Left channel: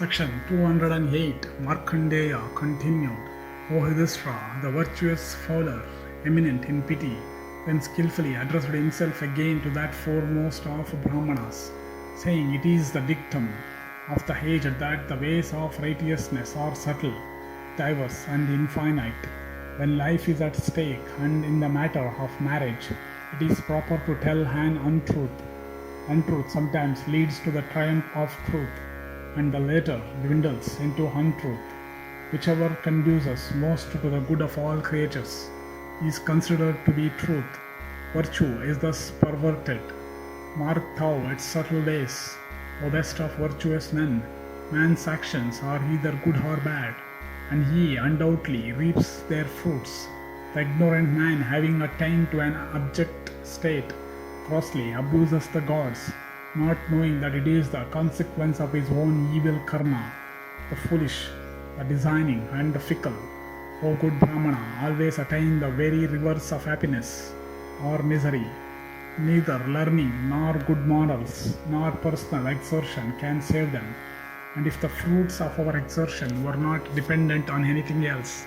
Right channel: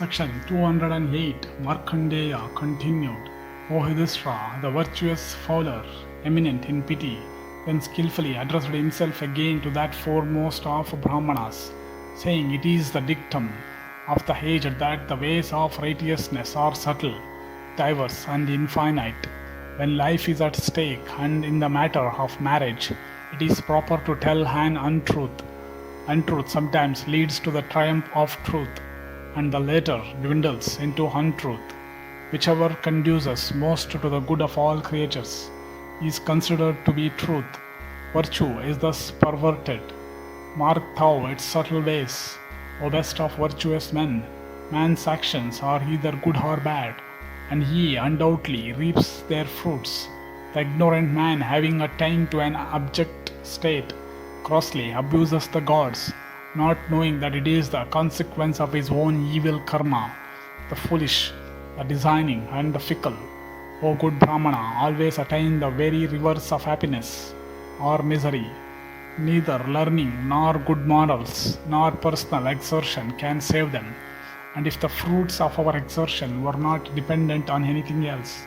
Section 208 Markandeya continued, O Yudhishthira, the virtuous fowler, eminent in pity, then skilfully addressed himself again to that foremost of Brahmanas, saying, It is the dictum of the aged that the ways of righteousness are subtle, diverse, and infinite. When life is at stake, and in the matter of marriage, it is proper to tell an untruth. Untruth sometimes leads to the triumph of truth, and the latter dwindles into untruth. Whichever conduces most to the good of all creatures is considered to be truth. Virtue is thus perverted. Mark thou its subtle ways, O best of virtuous men. Man's actions are either good or bad, and he undoubtedly reaps their fruits. The ignorant man, having attained to an abject state, grossly abuses the gods, not knowing that it is the consequence of his own evil karma. The foolish, the designing, and the fickle, O good Brahmana, always attain the very reverse of happiness or misery. Neither learning, nor good morals, nor personal exertion can save them. And if the fruits of our exertion were not dependent on anything else,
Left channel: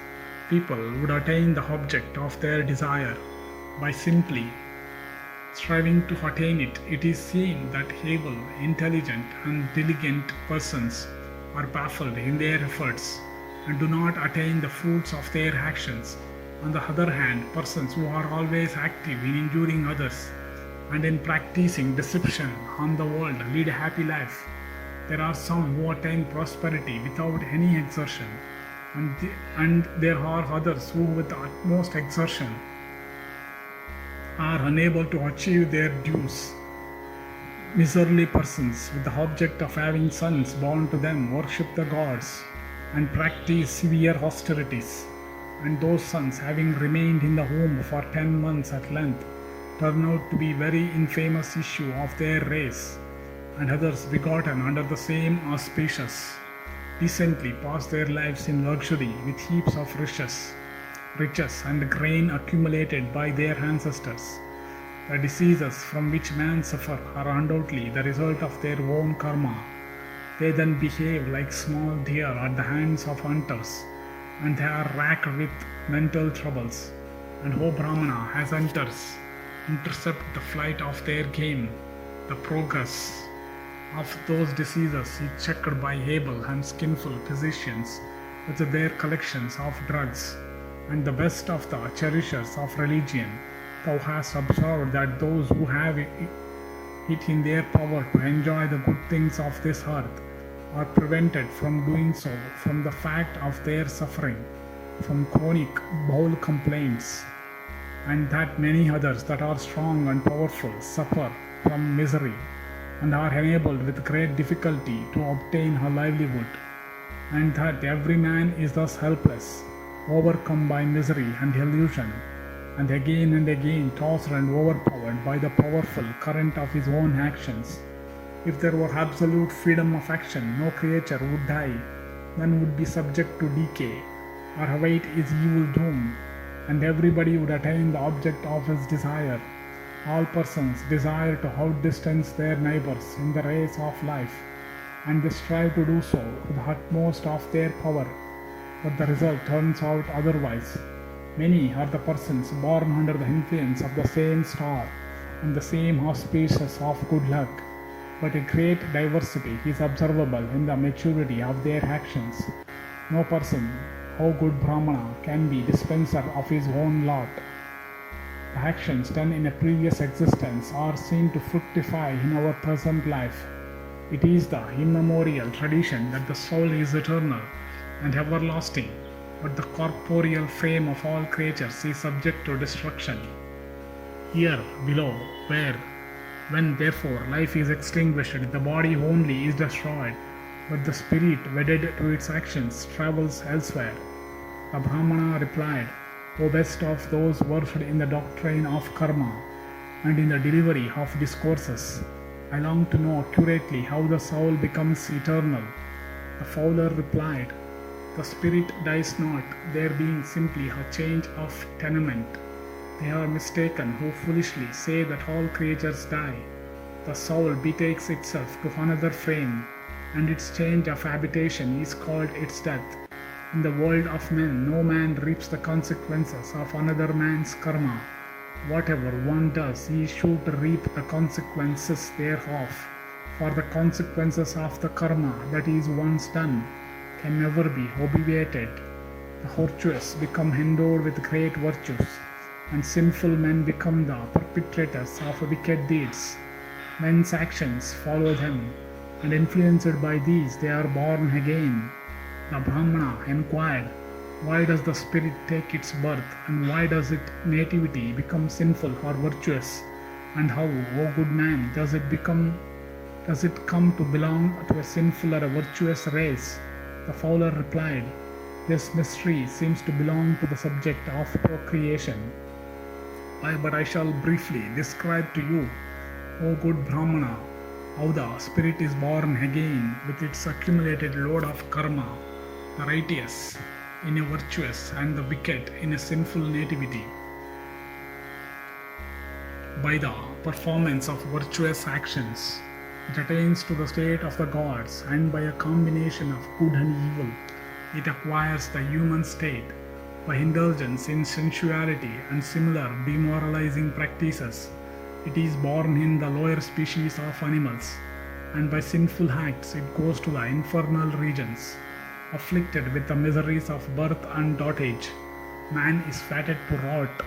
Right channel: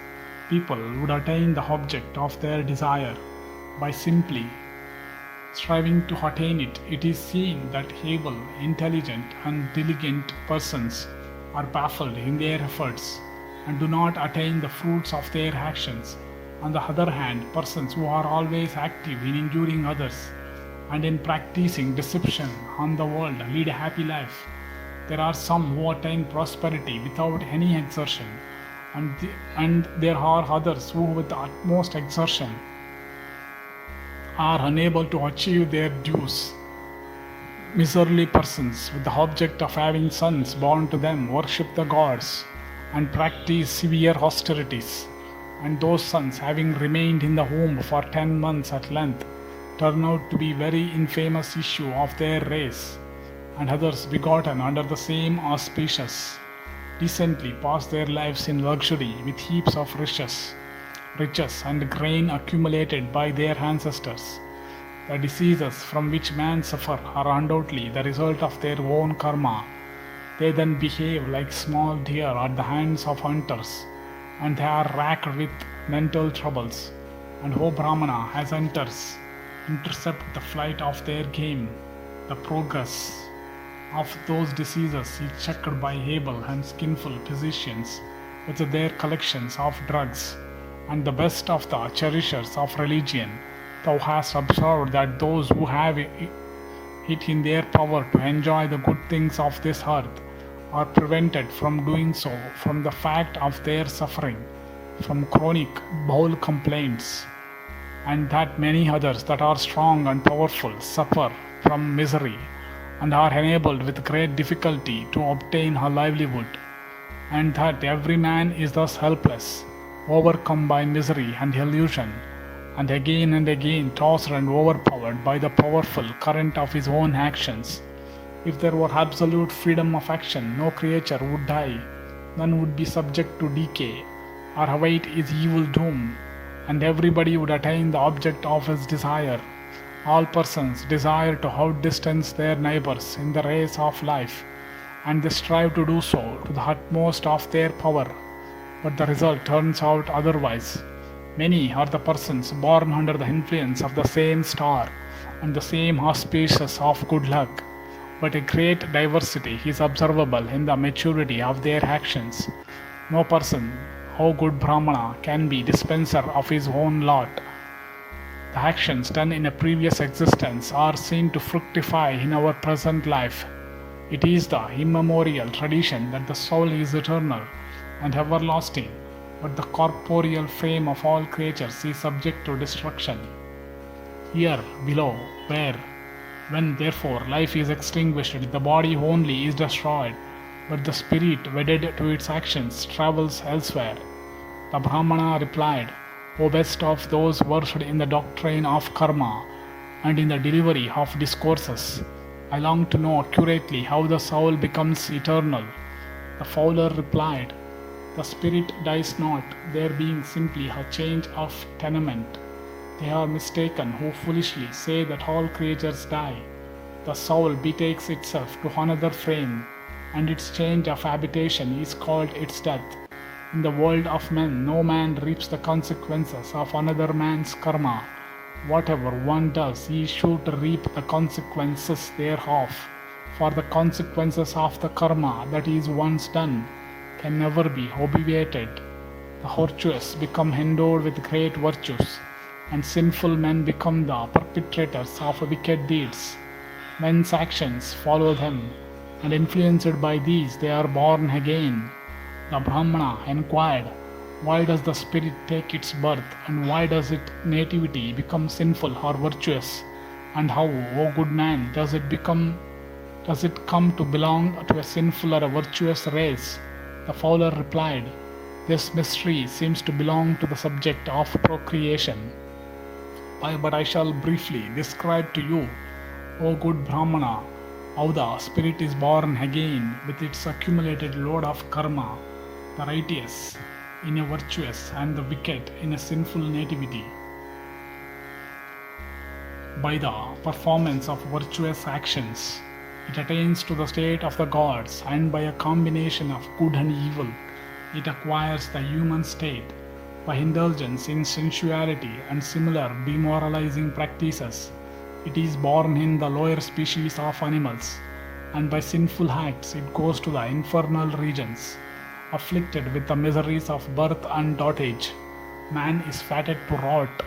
people would attain the object of their desire by simply striving to attain it. It is seen that able, intelligent, and diligent persons are baffled in their efforts and do not attain the fruits of their actions. On the other hand, persons who are always active in injuring others and in practicing deception on the world lead a happy life. There are some who attain prosperity without any exertion, and there are others who, with the utmost exertion, are unable to achieve their dues. Miserly persons, with the object of having sons born to them, worship the gods and practice severe austerities, and those sons, having remained in the womb for 10 months at length, turn out to be very infamous issue of their race, and others begotten under the same auspicious decently pass their lives in luxury with heaps of riches and grain accumulated by their ancestors. The diseases from which men suffer are undoubtedly the result of their own karma. They then behave like small deer at the hands of hunters, and they are racked with mental troubles. And O Brahmana, as hunters intercept the flight of their game, the progress of those diseases is checked by able and skillful physicians with their collections of drugs and the best of the cherishers of religion. Thou hast observed that those who have it in their power to enjoy the good things of this earth are prevented from doing so from the fact of their suffering from chronic bowel complaints, and that many others that are strong and powerful suffer from misery and are enabled with great difficulty to obtain a livelihood, and that every man is thus helpless, overcome by misery and illusion, and again tossed and overpowered by the powerful current of his own actions. If there were absolute freedom of action, no creature would die, none would be subject to decay or await his evil doom, and everybody would attain the object of his desire. All persons desire to outdistance their neighbors in the race of life, and they strive to do so to the utmost of their power, but the result turns out otherwise. Many are the persons born under the influence of the same star and the same auspicious of good luck, but a great diversity is observable in the maturity of their actions. No person, O good Brahmana, can be dispenser of his own lot. The actions done in a previous existence are seen to fructify in our present life. It is the immemorial tradition that the soul is eternal and everlasting, but the corporeal frame of all creatures is subject to destruction. Here below, when therefore life is extinguished, the body only is destroyed, but the spirit wedded to its actions travels elsewhere. The Brahmana replied, O best of those versed in the doctrine of karma and in the delivery of discourses, I long to know accurately how the soul becomes eternal. The fowler replied, The spirit dies not, there being simply a change of tenement. They are mistaken who foolishly say that all creatures die. The soul betakes itself to another frame, and its change of habitation is called its death. In the world of men, no man reaps the consequences of another man's karma. Whatever one does, he is sure to reap the consequences thereof. For the consequences of the karma that is once done can never be obviated. The virtuous become endowed with great virtues, and sinful men become the perpetrators of wicked deeds. Men's actions follow them, and influenced by these they are born again. The Brahmana inquired, why does the spirit take its birth, and why does its nativity become sinful or virtuous? And how, O good man, does it come to belong to a sinful or a virtuous race? The fowler replied, this mystery seems to belong to the subject of procreation. But I shall briefly describe to you, O good Brahmana, how the spirit is born again with its accumulated load of karma, the righteous in a virtuous and the wicked in a sinful nativity. By the performance of virtuous actions, it attains to the state of the gods, and by a combination of good and evil, it acquires the human state. By indulgence in sensuality and similar demoralizing practices, it is born in the lower species of animals, and by sinful acts it goes to the infernal regions. Afflicted with the miseries of birth and dotage, man is fated to rot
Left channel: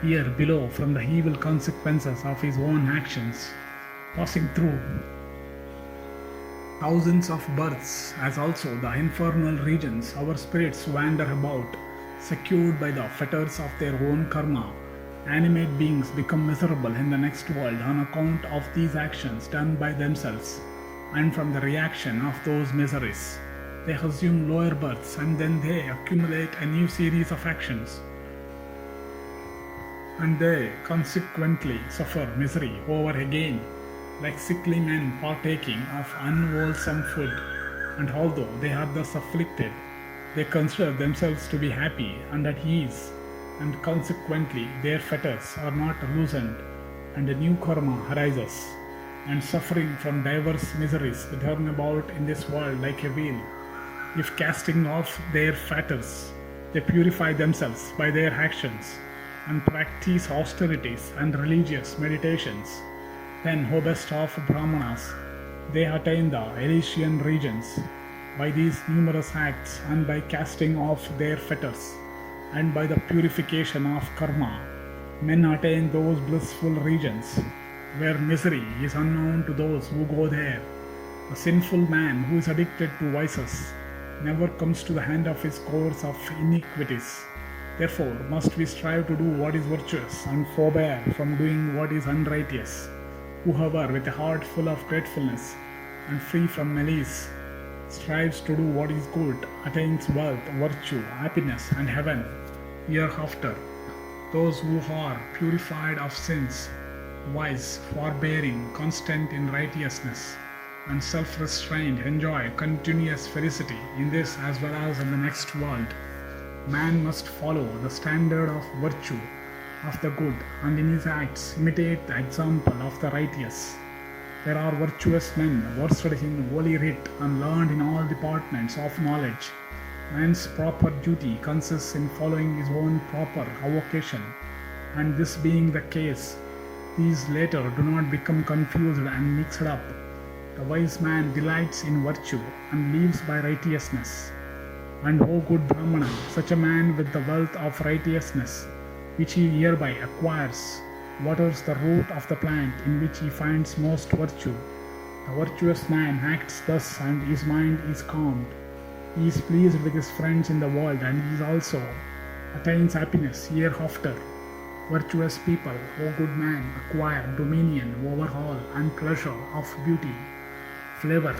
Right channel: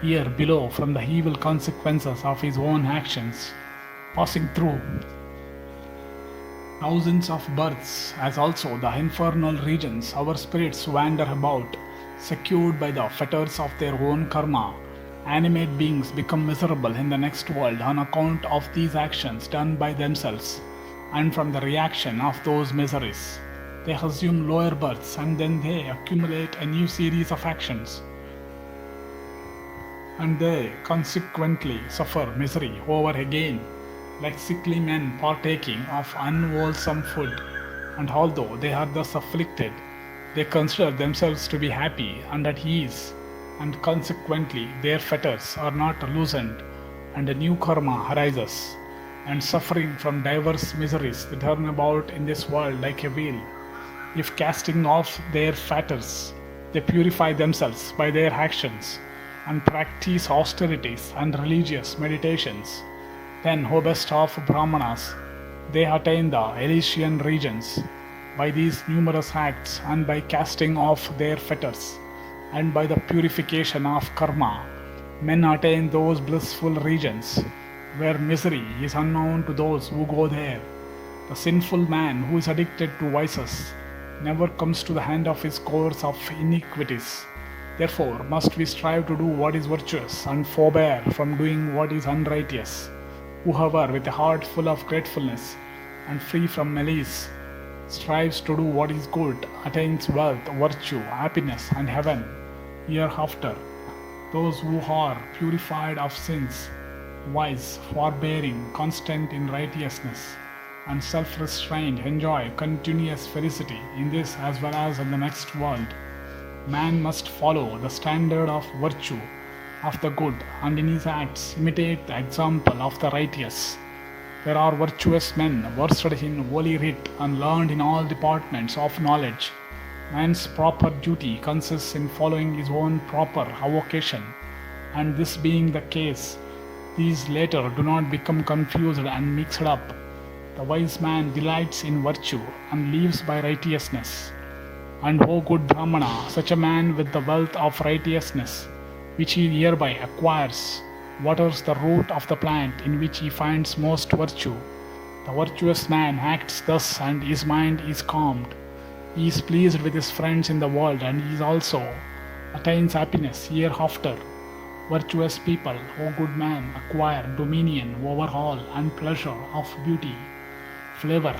here below from the evil consequences of his own actions. Passing through thousands of births, as also the infernal regions, our spirits wander about, secured by the fetters of their own karma. Animate beings become miserable in the next world on account of these actions done by themselves, and from the reaction of those miseries they assume lower births, and then they accumulate a new series of actions, and they consequently suffer misery over again, like sickly men partaking of unwholesome food. And although they are thus afflicted, they consider themselves to be happy and at ease, and consequently their fetters are not loosened, and a new karma arises, and suffering from diverse miseries they turn about in this world like a wheel. If casting off their fetters, they purify themselves by their actions, and practice austerities and religious meditations, then, O best of Brahmanas, they attain the Elysian regions. By these numerous acts, and by casting off their fetters, and by the purification of karma, men attain those blissful regions where misery is unknown to those who go there. The sinful man who is addicted to vices never comes to the end of his course of iniquities. Therefore must we strive to do what is virtuous, and forbear from doing what is unrighteous. Whoever with a heart full of gratefulness and free from malice strives to do what is good attains wealth, virtue, happiness, and heaven hereafter. Those who are purified of sins, wise, forbearing, constant in righteousness, and self-restrained enjoy continuous felicity in this as well as in the next world. Man must follow the standard of virtue of the good, and in his acts imitate the example of the righteous. There are virtuous men versed in holy writ and learned in all departments of knowledge. Man's proper duty consists in following his own proper avocation, and this being the case, these later do not become confused and mixed up. The wise man delights in virtue and lives by righteousness. And O good Brahmana, such a man with the wealth of righteousness, which he hereby acquires, waters the root of the plant in which he finds most virtue. The virtuous man acts thus, and his mind is calmed. He is pleased with his friends in the world, and he also attains happiness hereafter. Virtuous people, O good man, acquire dominion over all and pleasure of beauty, flavor,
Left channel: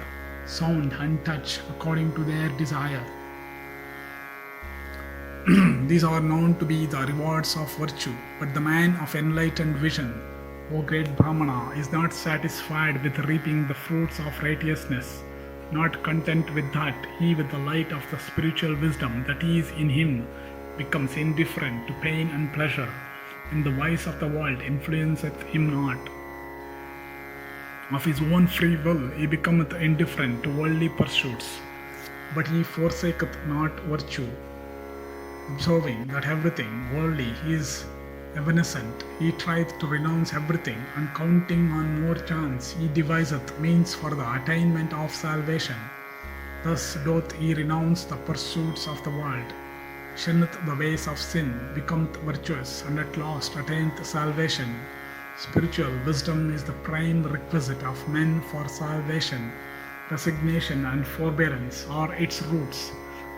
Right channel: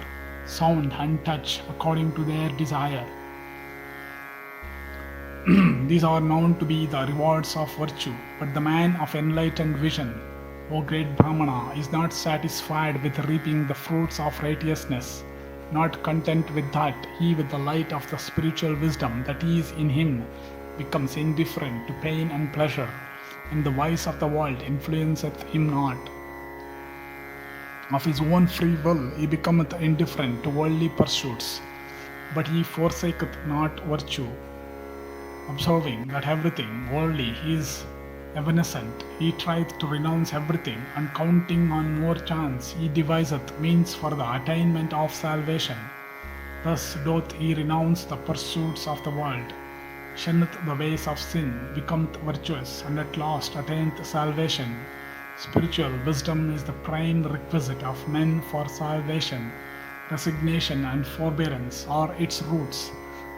sound, and touch according to their desire. These are known to be the rewards of virtue, but the man of enlightened vision, O great Brahmana, is not satisfied with reaping the fruits of righteousness. Not content with that, he with the light of the spiritual wisdom that is in him becomes indifferent to pain and pleasure, and the vice of the world influenceth him not. Of his own free will he becometh indifferent to worldly pursuits, but he forsaketh not virtue, observing that everything worldly is evanescent. He trieth to renounce everything, and counting on more chance, he deviseth means for the attainment of salvation. Thus doth he renounce the pursuits of the world, shunneth the ways of sin, becometh virtuous, and at last attaineth salvation. Spiritual wisdom is the prime requisite of men for salvation. Resignation and forbearance are its roots.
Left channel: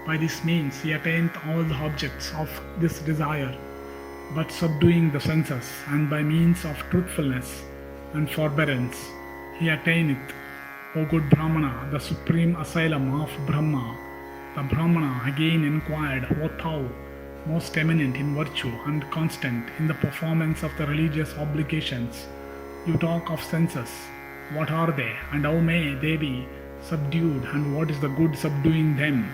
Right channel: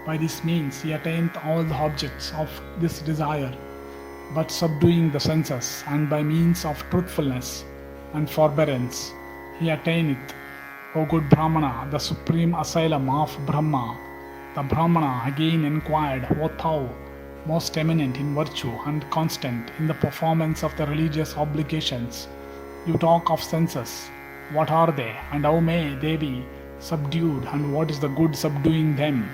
By this means he attaineth all the objects of this desire, but subduing the senses, and by means of truthfulness and forbearance he attaineth, O good Brahmana, the supreme asylum of Brahma. The Brahmana again inquired, O thou, most eminent in virtue and constant in the performance of the religious obligations, you talk of senses. What are they, and how may they be subdued, and what is the good subduing them?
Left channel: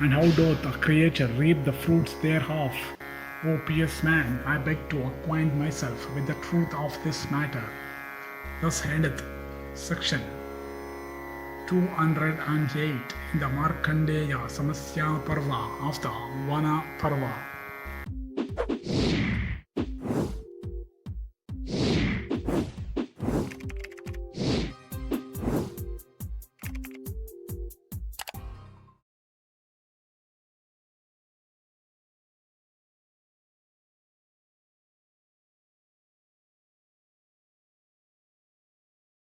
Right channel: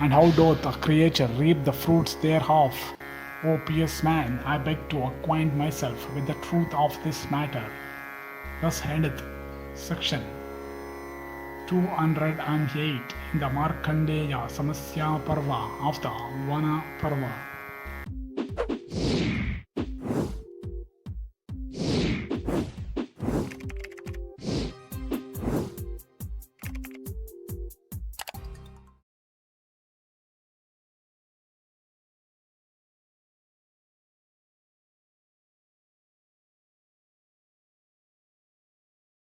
And how doth a creature reap the fruits thereof? O pious man, I beg to acquaint myself with the truth of this matter. Thus endeth section 208 in the Markandeya-Samasya Parva of the Vana Parva.